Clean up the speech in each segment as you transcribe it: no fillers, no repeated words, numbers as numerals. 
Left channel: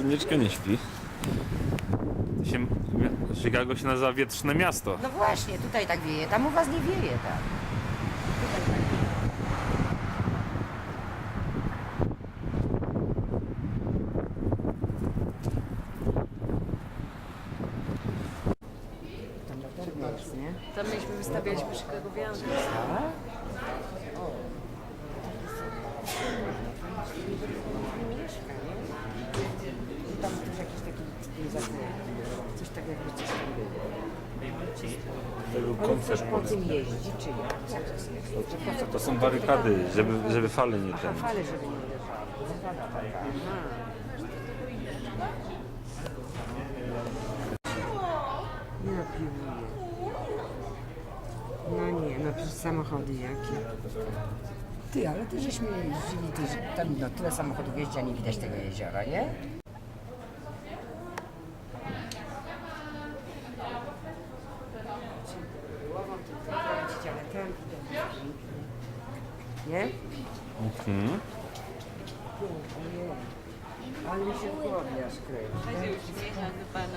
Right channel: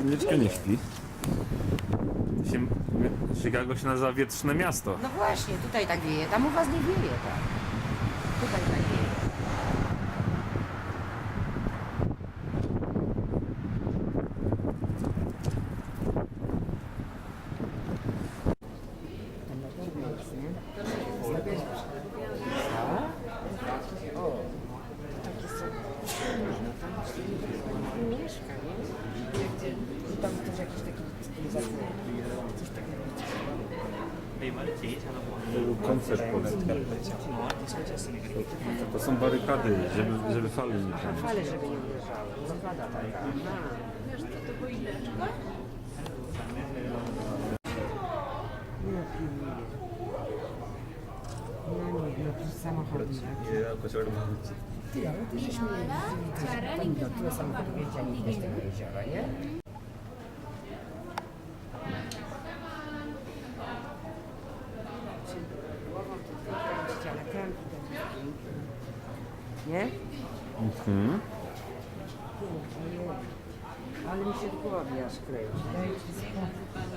Soniczka nie śpi. Chicago się nazywa wietrzne miasto. No właśnie, tutaj tak wieje, tam u was nie wieje, tak. Tutaj tak wieje. Tam latarnia jest, nie? Tam myśmy wystawialiśmy Chicagowianów. Tak? O, takie są. No tam się mieszka, nie? I tam też jakiś taki zakup. Coś takiego coś. Koncert to są barykady, żeby fale nie Aha, fale, żeby nie uderzały. Blokada taka. Aha. Ja piłuję. No nie, no przecież samochody jakie. Ty, ale ty żeśmy tam no, tyle samochodów jeździ, a nie widać tego jeziora, nie? Głową to kręcić, ale tam widać jest pięknie. Nie? Mhm. Ojej. Ale mi się w głowie aż kręci. Dajcie spokój. Pana.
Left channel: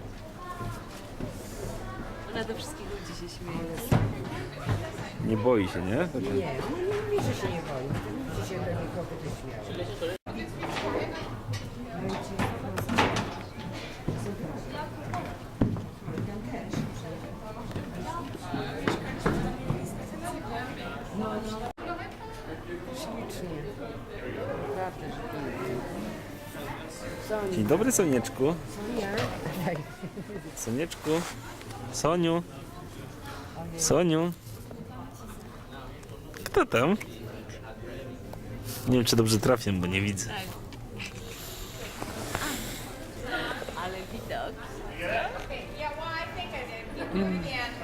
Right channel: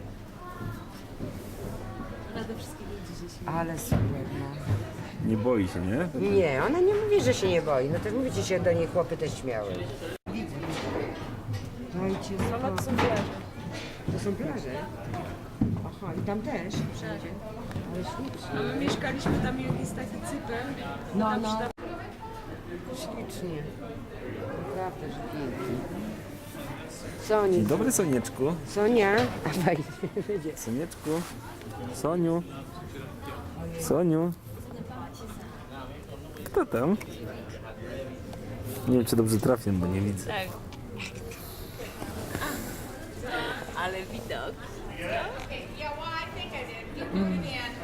Ona do wszystkich ludzi się śmieje. Ale sobie, no. Nie boi się, nie? Nie, ona nie mówi, że się nie boi. No to mówicie się do niej chłopy też śmiały. Dajcie spokój. To są plaże. Aha, i tam też. Mieszkaliśmy tam i jest taki cykl. No, no. Ślicznie. Naprawdę, że pięknie. Soni. Dzień dobry, Sonieczku. Sonia. Dawaj. Sonieczku. Soniu. Soniu. Kto tam? Nie wiem, czy dobrze trafię, bo nie widzę. Tak. Ale widok. Yeah, well, I think I did. You do it again.